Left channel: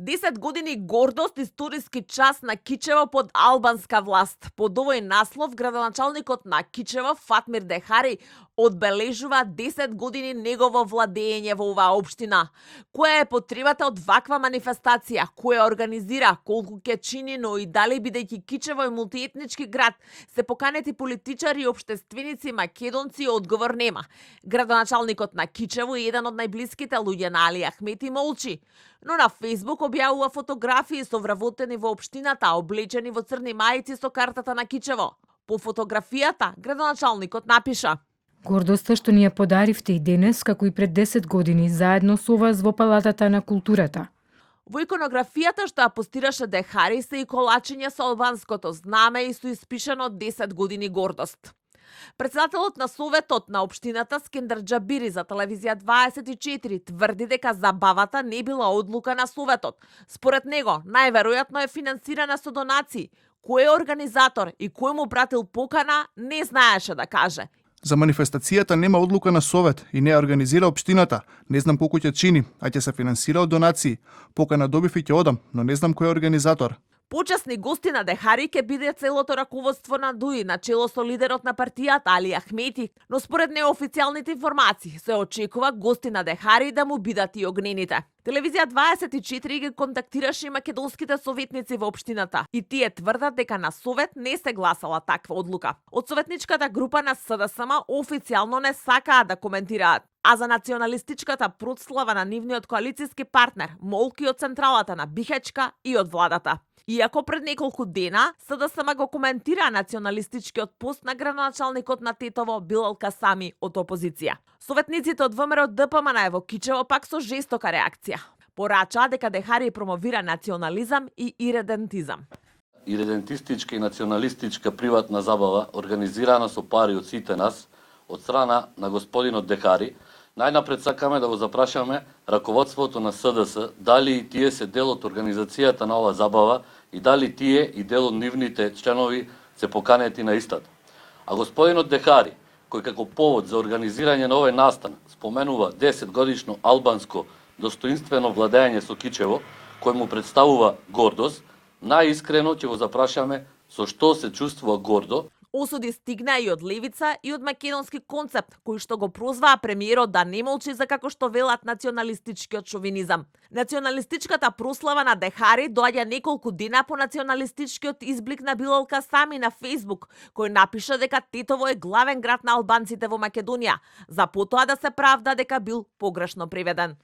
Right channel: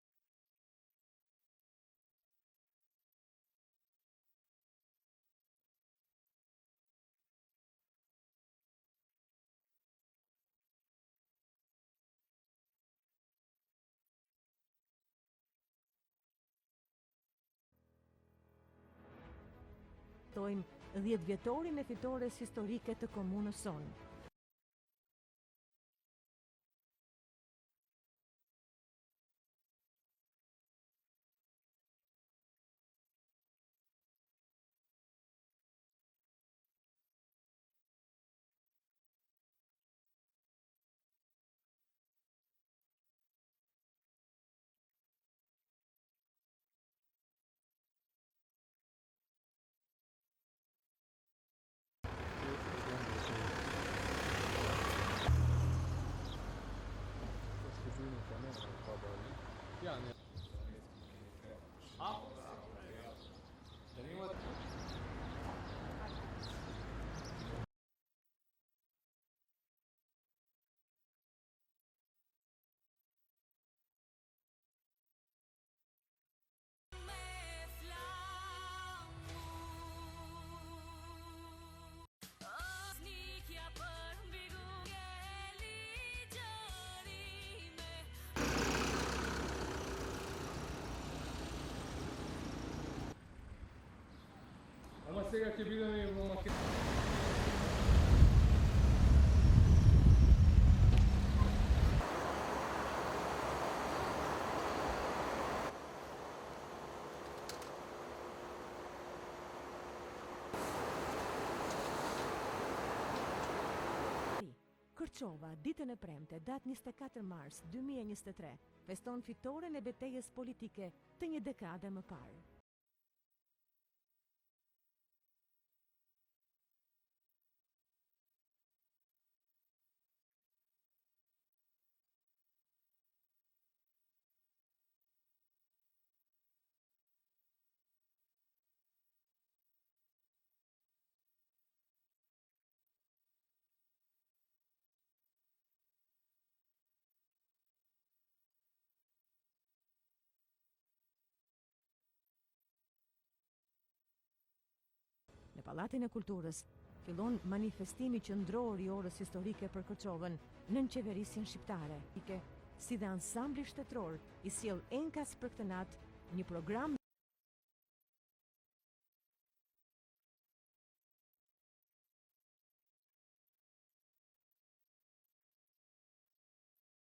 10 години гордост историски час на Кичево под албанска власт. Под овој наслов градоначалникот на Кичево Фатмир Дехари одбележува 10 години негово владење во оваа општина. Која е потребата од ваква манифестација? Кој ја организира? Колку ќе чини, но и дали бидејќи Кичево е мултиетнички град, се поканети политичари и општественици македонци, одговор нема. Градоначалникот на Кичево е еден од најблиските луѓе на Али Ахмети молчи, но на Фејсбук објавува фотографии со вработени во општината, облечени во црни мајци со картата на Кичево. По фотографијата градоначалникот напиша: Гордоста што ни ја подаривте и денес, како и пред 10 години, заедно со вас во Палатата на културата. Во иконографијата што ја постираше Дехари се и колачење со албанското знаме и со испишено 10 години гордост. Председателот на Советот на општината Скендер Џабири за телевизија 24 тврди дека забавата не била одлука на Советот. Според него, најверојатно е финансирана со донации. Кој е организатор и кој му пратил покана, не знаеше да каже. За манифестацијата нема одлука на Совет и не ја организира општината. Не знам колку ќе чини, а ќе се финансира од донации. Покана добив и ќе одам, но не знам кој е организатор. Почесни гости на Дехари ќе биде целото раководство на ДУИ, на чело со лидерот на партијата Али Ахмети, но според неофицијалните информации се очекува гости на Дехари да му бидат и огнените. Телевизија 24 ги контактираше и македонските советници во општината и тие тврдат дека на Совет не се гласала таква одлука. Од советничката група на СДСМ официјално не сакаат да коментираат, а за националистичката прослава на нивниот коалициски партнер молки од централата на Бихачка и од владата. Иако пред неколку дена СДСМ го коментира националистичкиот пост на градоначалникот на Тетово Билал Касами од опозиција. Советниците од ВМРО ДПМН во Кичево пак со жестока реакција. Порачаа дека Дехари промовира национализам и иредентизам. Иредентистичка и националистичка приватна забава, организирана со пари од сите нас, од страна на господинот Дехари, најнапред сакаме да го запрашаме раководството на СДС дали и тие се дел од организацијата на оваа забава и дали тие и дел од нивните членови се поканети на истата. А господинот Дехари, кој како повод за организирање на овој настан споменува 10 годишно албанско достоинствено владење со Кичево, кој му представува гордост, најискрено ќе го запрашаме со што се чувствува гордо. Осуди стигна и од левица и од македонски концепт, кој што го прозваа премиерот да не молчи за како што велат националистичкиот шовинизам. Националистичката прослава на Дехари доаѓа неколку дена по националистичкиот изблик на Билал Касами на Фејсбук, кој напиша дека Тетово е главен град на албанците во Македонија, за потоа да се правда дека бил погрешно преведен.